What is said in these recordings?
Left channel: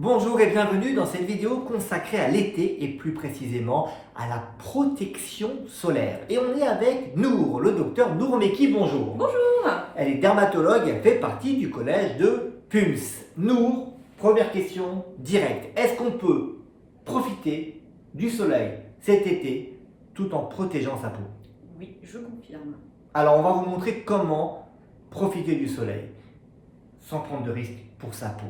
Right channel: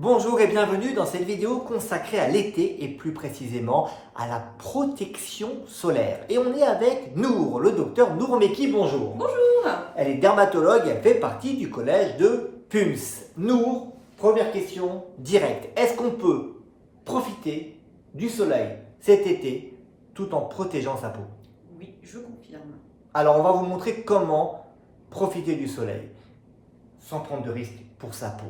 Bonjour et bienvenue dans cette vidéo consacrée à l'été et plus précisément à la protection solaire. Et on est avec Nour, le docteur Nour Meki, bonjour. Bonjour. Elle est dermatologue, elle fait partie du collège de PUMS. Nour, première question directe. Est-ce qu'on peut profiter du soleil cet été tout en protégeant sa peau? Oui, je confirme. Alors on va vous montrer comment profiter du soleil sans prendre de risques pour sa peau.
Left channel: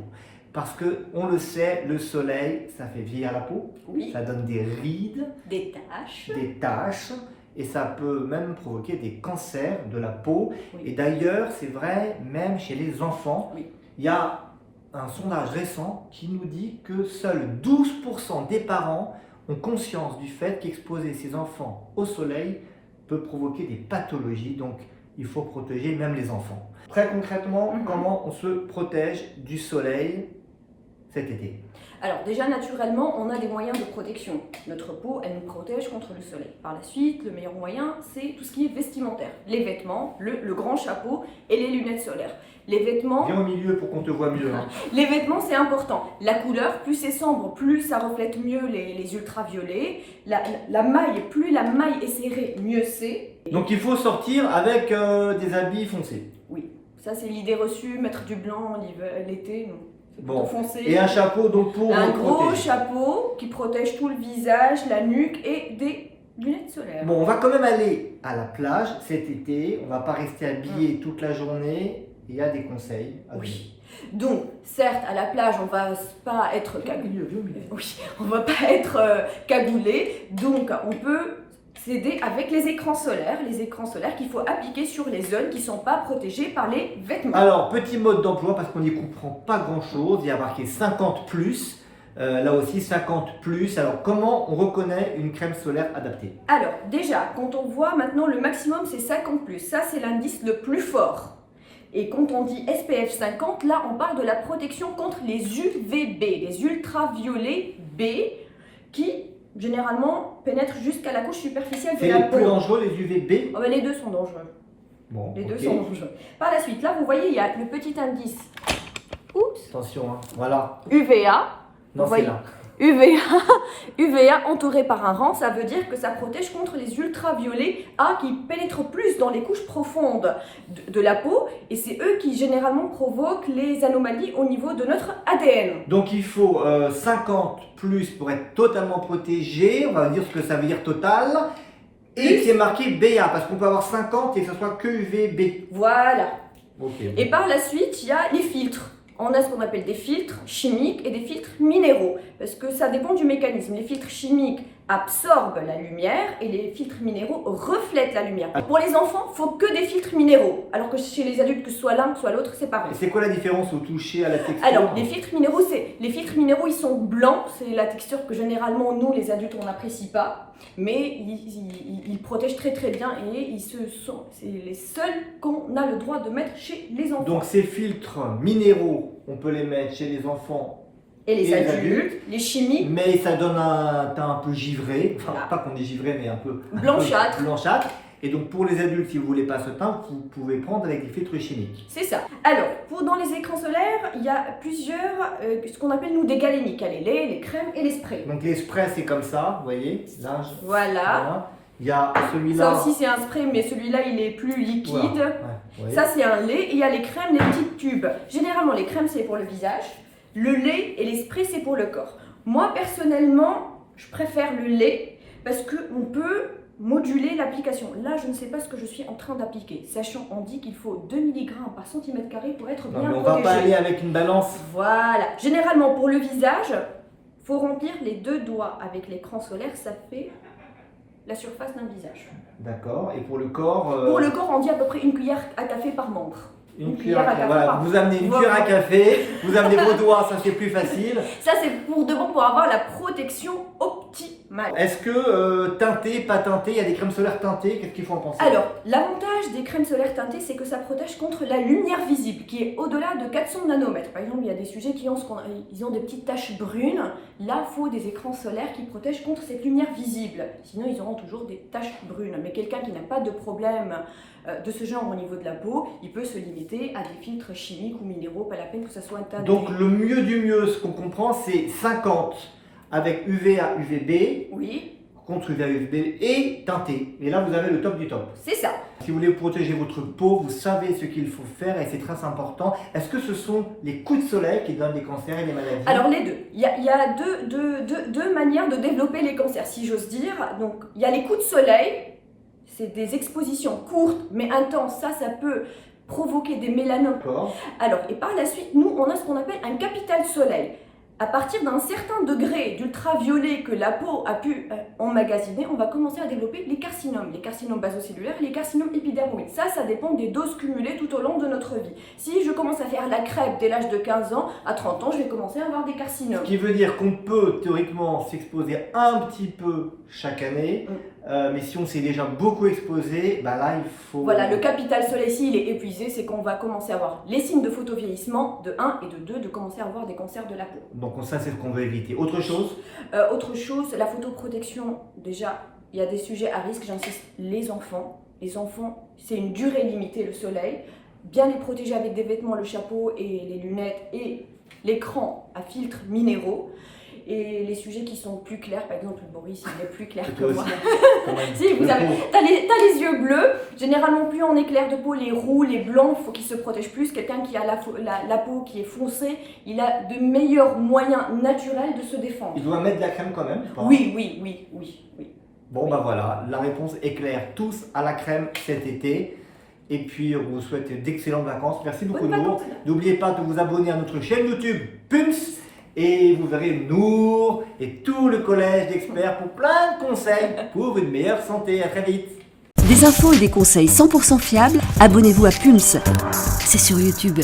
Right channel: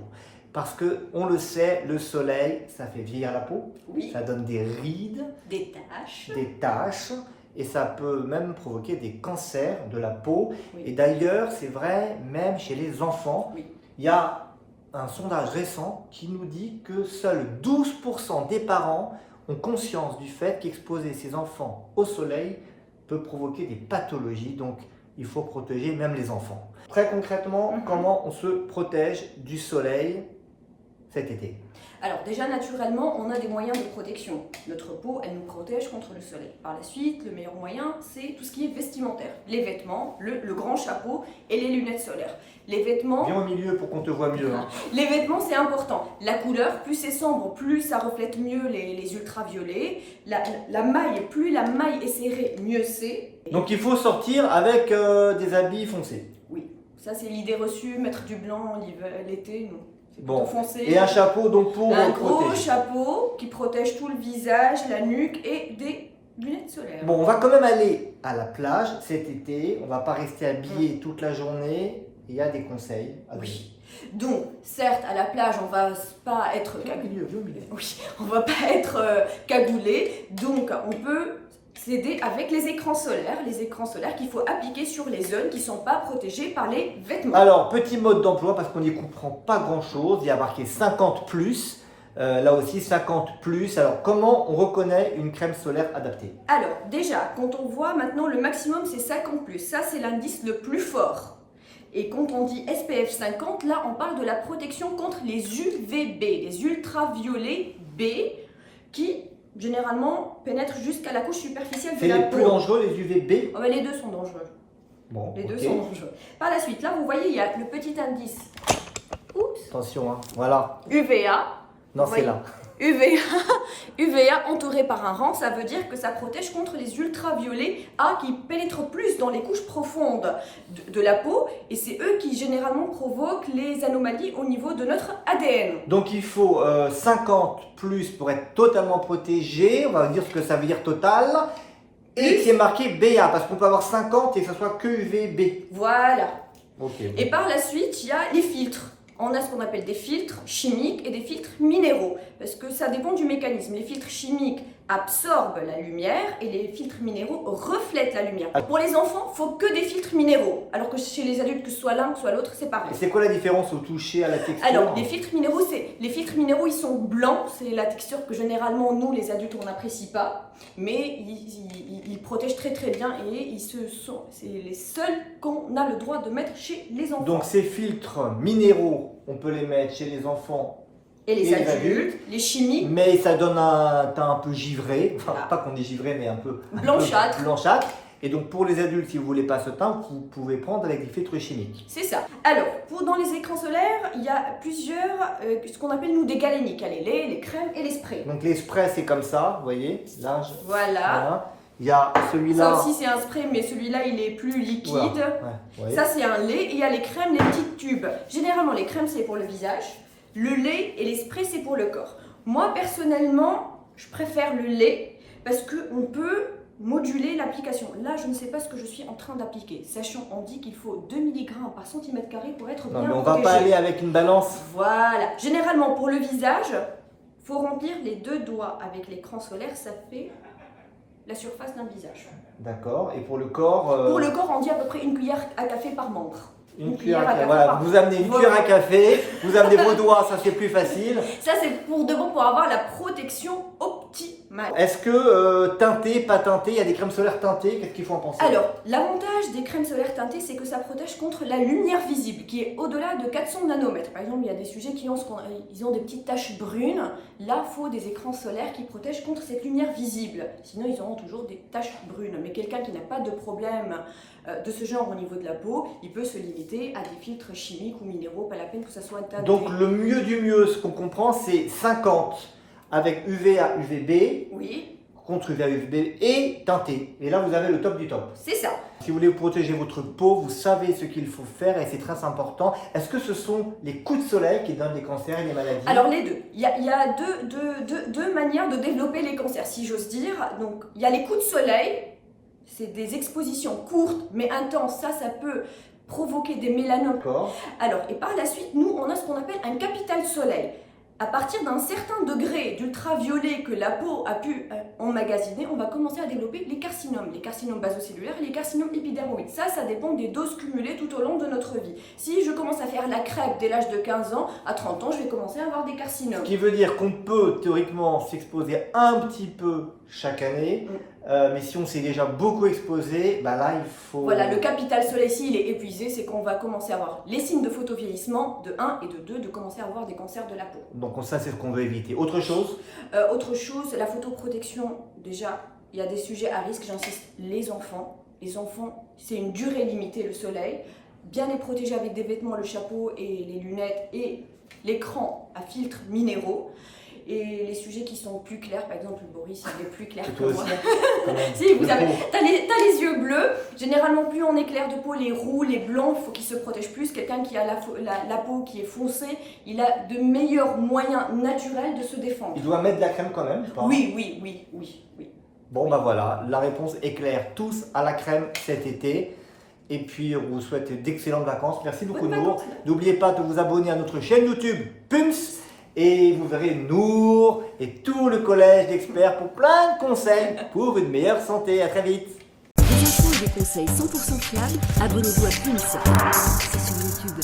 Parce que, on le sait, le soleil, ça fait vieillir la peau, Oui. ça donne des rides, Des taches. et ça peut même provoquer des cancers de la peau. Oui. Et d'ailleurs, c'est vrai, même chez les enfants, Oui. il y a un sondage récent qui nous dit que seuls 12% des parents ont conscience du fait qu'exposer ses enfants au soleil peut provoquer des pathologies, donc il faut protéger même les enfants. Très concrètement, comment on se protège du soleil cet été? Alors déjà, naturellement, on a des moyens de protection. Notre peau, elle nous protège contre le soleil. Par la suite, le meilleur moyen, c'est tout ce qui est vestimentaire. Les vêtements, le grand chapeau et les lunettes solaires. Les vêtements... Viens au milieu pour qu'on te voit mieux. Hein. Les vêtements, c'est important. La couleur, plus c'est sombre, plus ça reflète mieux les ultraviolets. La maille, plus la maille est serrée, mieux c'est. Donc il faut sortir avec des habits foncés. Oui, ça c'est l'idée reçue, mettre du blanc l'été, non. Bon. Foncé. Et un chapeau donc pour un gros protéger. chapeau qui protège tout le visage, la nuque et des lunettes solaires. Bon, on va quand même aller à la plage cet été. On va pas rester habillé toute la journée. Il y a des conseils à donner. Oui. Donc, certes, à la plage, on va pas être cagoulé. Oui, on va pas être cagoulé. Donc, on peut s'aider avec les écrans solaires qu'il faut appliquer sur les zones qui ne sont pas protégées par les vêtements. Alors, petit mode d'emploi parce qu'on n'y comprend pas grand-chose. Il y a marqué 50+. Là aussi 50+. Alors, comment on reconnaît une crème solaire adaptée? Alors, déjà, quand on voit maintenant le maximum, c'est 50+. Ça, c'est l'indice le plus fort. Et quand on dit SPF 50, là, on parle de la protection contre les UVB, les ultraviolets B, qui généralement pénètrent jusqu'à la couche superficielle de la peau. C'est les plus dangereux, les UVB? Oh, ben, les deux sont dangereux. Bon, les deux sont dangereux. Par la suite, là, vous voyez, il y a le petit indice. Oups. Attention, hein. Voilà. UVA. Non, c'est là. UVA entouré par un rang, ça veut dire que ça protège contre les ultraviolets A qui pénètrent plus dans les couches profondes de la peau et c'est eux qui généralement provoquent les anomalies au niveau de notre ADN. Donc il faut 50+ pour être totalement protégé, on va dire ce que ça veut dire total, et c'est marqué BA parce qu'on peut avoir 50 et que ça soit que UVB. Voilà. Okay. Et par la suite, il y a les filtres. On a ce qu'on appelle des filtres chimiques et des filtres minéraux, parce que ça dépend du mécanisme. Les filtres chimiques absorbent la lumière et les filtres minéraux reflètent la lumière. Pour les enfants, il faut que des filtres minéraux, alors que chez les adultes, que ce soit l'un, que ce soit l'autre, c'est pareil. C'est quoi la différence au toucher, à la texture? Alors, les filtres minéraux, ils sont blancs, c'est la texture que généralement, nous, les adultes, on n'apprécie pas, mais ils protègent très très bien et c'est les seuls qu'on a le droit de mettre chez les enfants. Donc ces filtres minéraux, on peut les mettre chez les enfants et les adultes, les chimiques. Mais ça donne un teint un peu givré, enfin Voilà. pas qu'on est givré, mais un peu blanchâtre. Blanchâtre. Et donc pour les adultes, si vous ne voulez pas ce teint, vous pouvez prendre avec des filtres chimiques. C'est ça. Alors, dans les écrans solaires, il y a plusieurs, ce qu'on appelle nous des galéniques. Il y a les laits, les crèmes et les sprays. Donc les sprays, c'est comme ça, vous voyez. Là, voilà. Il y a celui-là. Ça aussi, c'est un spray, mais celui-là, il est plus liquide. Ouais, ça, c'est un lait. Et il y a les crèmes, les petits tubes. Généralement, les crèmes, c'est pour le visage. Le lait et les sprays, c'est pour le corps. Moi, personnellement, je préfère le lait parce qu'on peut moduler l'application. Là, je ne sais pas ce que je suis en train d'appliquer. Sachant, on dit qu'il faut 2 mg par cm² pour être bien protégé. On ne va pas aller avec une balance. Voilà. Généralement, pour le visage, il faut remplir les 2 doigts avec l'écran solaire. Ça fait la surface d'un visage. D'accord. Et pour le corps Pour le corps, on dit à peu près 1 cuillère à café par membre. Une cuillère à café. Voilà, vous amenez une cuillère à café, vous amenez vos doigts, ça c'est plus facile. Ça c'est pour de bon, pour avoir la protection optimale. Est-ce que teinté, pas teinté, il y a des crèmes solaires teintées, qu'est-ce qu'il faut en penser? Alors, l'avantage des crèmes solaires teintées, c'est que ça protège contre la lumière visible, qui est au-delà de 400 nanomètres. Par exemple, il y a des sujets qui ont, ils ont des petites taches brunes. Là, il faut des écrans solaires qui protègent contre cette lumière visible. Sinon, ils auront toujours des taches brunes. Mais quelqu'un qui n'a pas de problème de ce genre au niveau de la peau, il peut se limiter éviter à des filtres chimiques ou minéraux, pas la peine que ça soit un teint de Donc gris. le mieux du mieux, ce qu'on comprend, c'est 50 avec UVA, UVB, Oui, contre UVA, UVB et teinté. Et là, vous avez le top du top. c'est ça. Si vous voulez protéger votre peau, vous savez ce qu'il faut faire et c'est très important. Est-ce que ce sont les coups de soleil qui donnent des cancers et des maladies? Alors les deux. Il y a deux manières de développer les cancers, si j'ose dire. Donc il y a les coups de soleil, c'est des expositions courtes mais intenses. Ça peut provoquer des mélanomes. D'accord. Alors, et par la suite, nous, on a ce qu'on appelle un capital soleil. À partir d'un certain degré d'ultraviolet que la peau a pu emmagasiner, on va commencer à développer les carcinomes basocellulaires et les carcinomes épidermoïdes. Ça dépend des doses cumulées tout au long de notre vie. Si je commence à faire la crêpe dès l'âge de 15 ans, à 30 ans, je vais commencer à avoir des carcinomes. Ce qui veut dire qu'on peut théoriquement s'exposer un petit peu chaque année, mais si on s'est déjà beaucoup exposé, bah là il faut... Voilà, le capital soleil, s'il est épuisé, c'est qu'on va commencer à avoir les signes de photovieillissement de 1 et de 2, de commencer à avoir des cancers de la peau. Donc ça c'est ce qu'on veut éviter. Autre chose? Autre chose, la photoprotection, déjà, il y a des sujets à risque, j'insiste, les enfants. Les enfants, c'est une durée limitée le soleil. Bien les protéger avec des vêtements, le chapeau et les lunettes et l'écran à filtres minéraux. Et les sujets qui sont plus clairs, par exemple Boris, il est plus clair que moi. Si, t'as les yeux bleus, généralement plus on est clair de peau, les roux, les blancs, il faut qu'ils se protègent plus. Quelqu'un qui a la peau qui est foncée, il a de meilleurs moyens naturels de se défendre. Il doit mettre de la crème quand même? Pas? Oui. Bon Oui. bah voilà, la réponse est claire. Tous à la crème cet été. Et puis on vous souhaite d'excellentes vacances. Merci beaucoup Bonnes Nour. vacances. N'oubliez pas de vous abonner à notre chaîne YouTube Pums. Et vous verrez Nour et tout le collège d'experts pour plein de conseils pour une meilleure santé. À très vite. Des infos et des conseils 100% fiables, abonnez-vous à Pulse. C'est sur YouTube.